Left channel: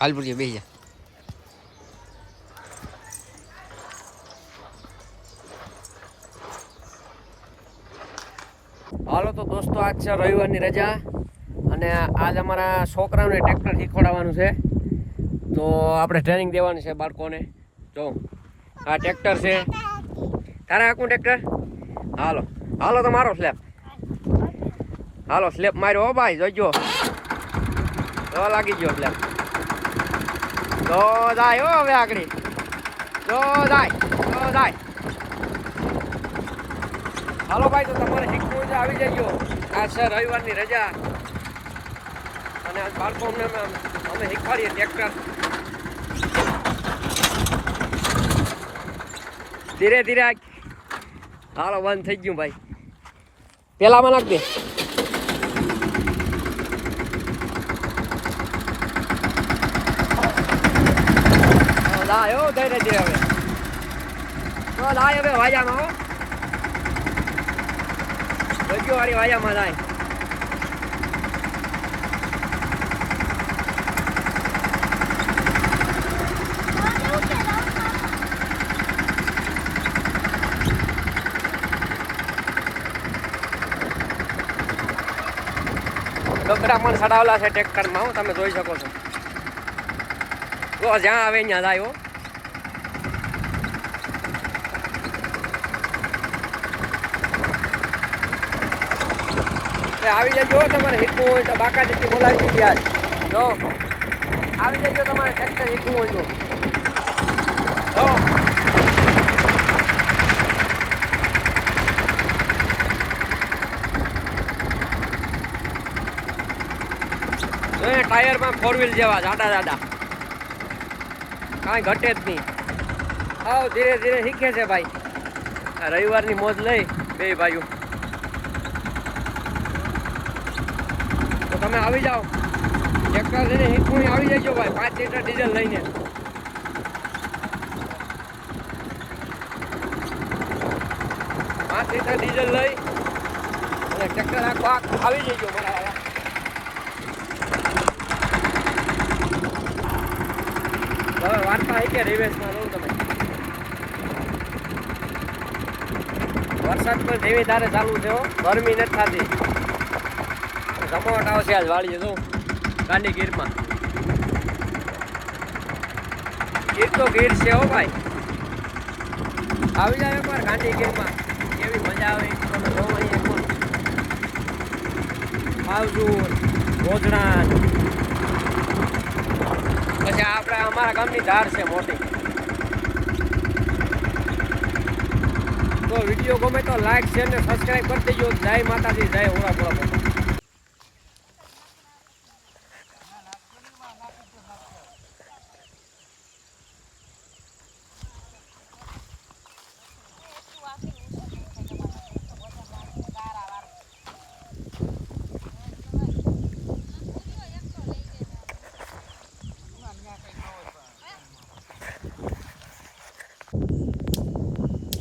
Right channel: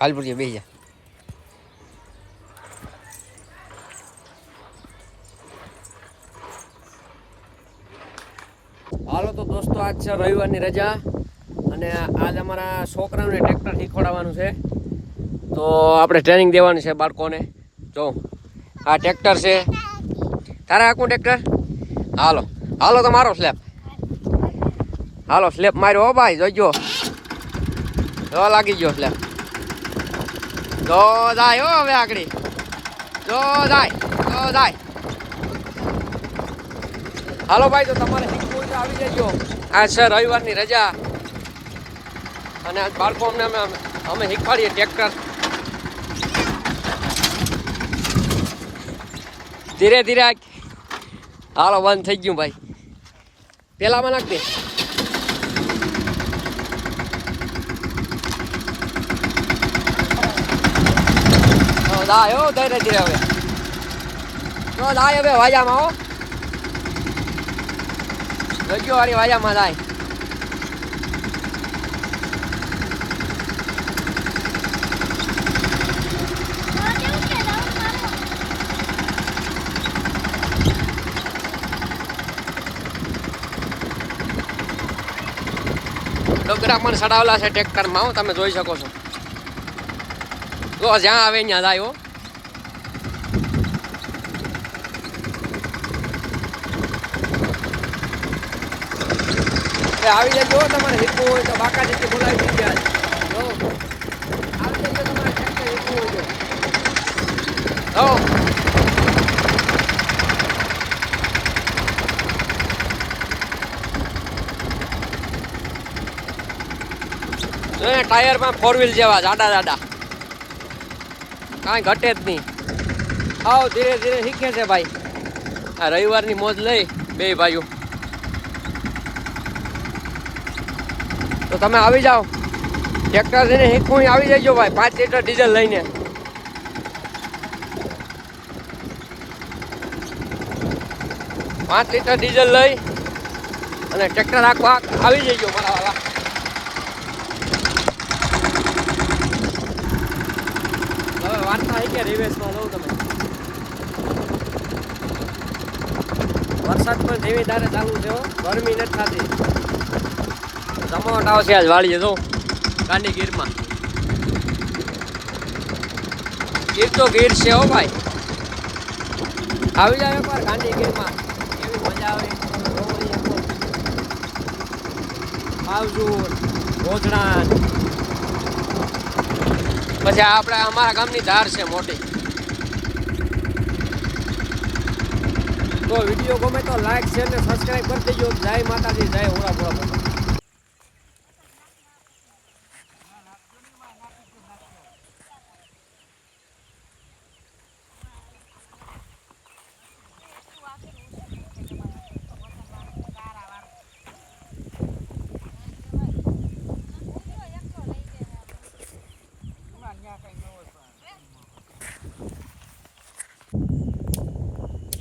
હાલ પૂરી બેસી હાલો તો દોસ્તો, આજ છે રવિવારની રજા અને આજ અમારા છોકરાઓને ટ્રેક્ટર શીખવાડવાનું છે. તો આપણે ટ્રેનિંગ દેવાની છે બાળકોને. જો, આ ટ્રેક્ટર છે. તારે આખું ટ્રેક્ટર? હાલો હાલો તો મારો સ્લેપ હાલો સ્લેપ માર્યો હો ભાઈ જોજો લાગી ગયો સ્લેપ જો જાય હો હવે આગળ. જો જાય જો જાય. હાલો ભાઈ, તો તમારે હિટ આવી જજો આ છે રવિવારની રજા. અને આજ બાળકો અમને અમે અમે શીખવાડીએ ટ્રેક્ટર. ધીરે ધીરે હાલો, બંધ થઈ ગયું ભાઈ. પેલામાં નાખ દે. દાય હો ધીરે ધીરે હવે. તો દાય હવે વાજામાં હો. જોજો વાળી વાજામાં લાય. ડોકરા પણ સડાવેલા છે ટેક્ટરમાં તમે જોઈ શકો છો. જો જ્યાં આવે ત્યાં જાય હો. આવી જજો તમારે શીખવું હોય તો બાકા જેટલી બોલાવી દીધી આજ. જો. આવી જજો તમારે ટ્રેક્ટર શીખવું હોય તો. જો. ટાયરમાં ફોર વ્હીલ જેવા, જાડા જાડા. કાંઈ ઘટે જ નહીં. આવ ધીરે ધીરે શીખે છે ભાઈ. આ રવિવારની મોજ લઈ બે ભાઈઓ. તો તમે આવી જાઓ. ટ્રેક્ટર લઈને શીખવું આવી જજો ભાઈ. પાંચ લીટર ડીઝલ લઈને. પાંચ લીટર ડીઝલ લઈ અને ટ્રેક્ટર આખવા આવી જજો મારા વાર્તા કે રિવેશમાં લઉં તમે? વરસાદ પણ ધીમે ધારે ચાલુ છે ગરમી નથી થતી. જમાવટ આવશે આજ વાળી જતો ગાંડી ગીરમાં. ગીર તો ગીર છે હો ભાઈ. આવી જાવ એકવાર ગાંધી ગીરમાં. કેવી મજા આવે તમે જોવો એકવાર. આવજો. ગોધડાન પછી આપણે અમારા ગામની ધાર છે મોટી. તો વીડિયો ગમે તો લાઈક શેર ને સબસ્ક્રાઇબ કરી દેજો. જય માતાજી, જય ઓળા ભોળા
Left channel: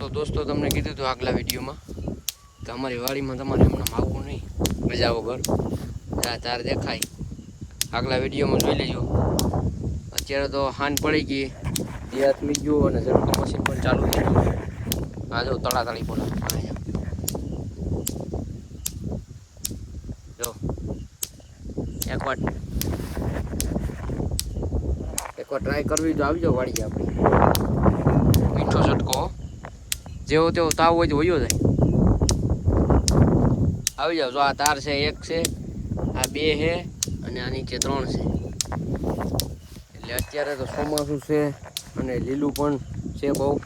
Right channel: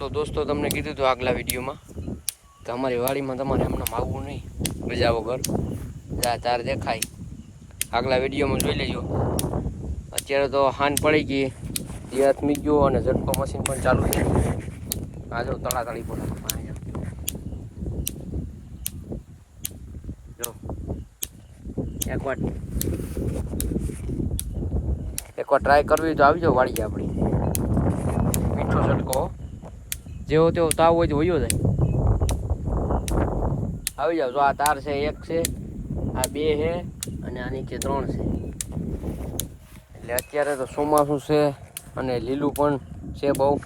તો દોસ્તો, તમને કીધું હતું આગલા વિડીયોમાં તો અમારી વાડીમાં તમારે હમણાં આવવું નહીં. મજા વગર જા, તાર દેખાય. આગલા વિડીયોમાં જોઈ લેજો. અત્યારે તો હાન પડી ગઈ. એ હાથમી ગયો અને ઝડપો મશીન પણ ચાલુ છે આ જો તળાતળી બોલા. અહીંયા. જો. એક વાર એકવાર ટ્રાય કરવી તો આવી જાઓ વાડી આપણી. મીઠો ઝટકો. જેવો તેવો તાવ હોય તો વયો જાય. આવી જાવ, જો આ તાર છે, એક છે, આ બે છે, અને આ નીચે ત્રણ છે. એટલે અત્યારે તો ચોમાસું છે, અને લીલું પણ છે બહુ.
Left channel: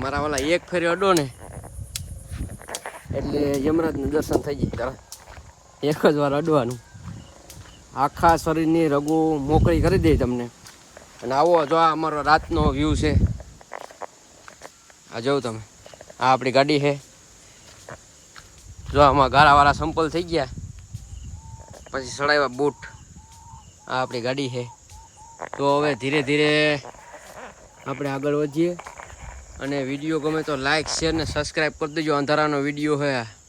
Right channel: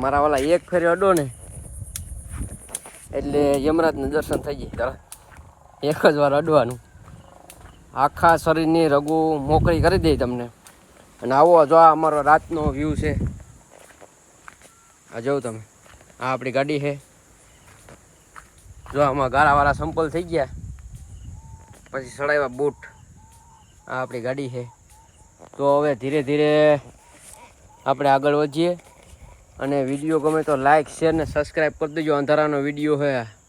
મારા વાલા એક ફેરે અડો ને, એટલે યમરાજને દર્શન થઈ જાય. તરત એક જ વાર અડવાનું. આખા શરીરની રગુ મોકળી કરી દે તમને. અને આવો, જો આ અમારો રાતનો વ્યૂ છે. આ જોઉં તમે. આ આપણી ગાડી છે. જો આમાં ગાળાવાળા સંપલ થઈ ગયા. પછી સડાવ્યા બૂટ. આ આપણી ગાડી છે. તો હવે ધીરે ધીરે આપણે આગળ વધીએ. અને વીડિયો ગમે તો લાઇક શેર ને સબસ્ક્રાઈબ કરી દેજો. અંધારાનો વીડિયો છે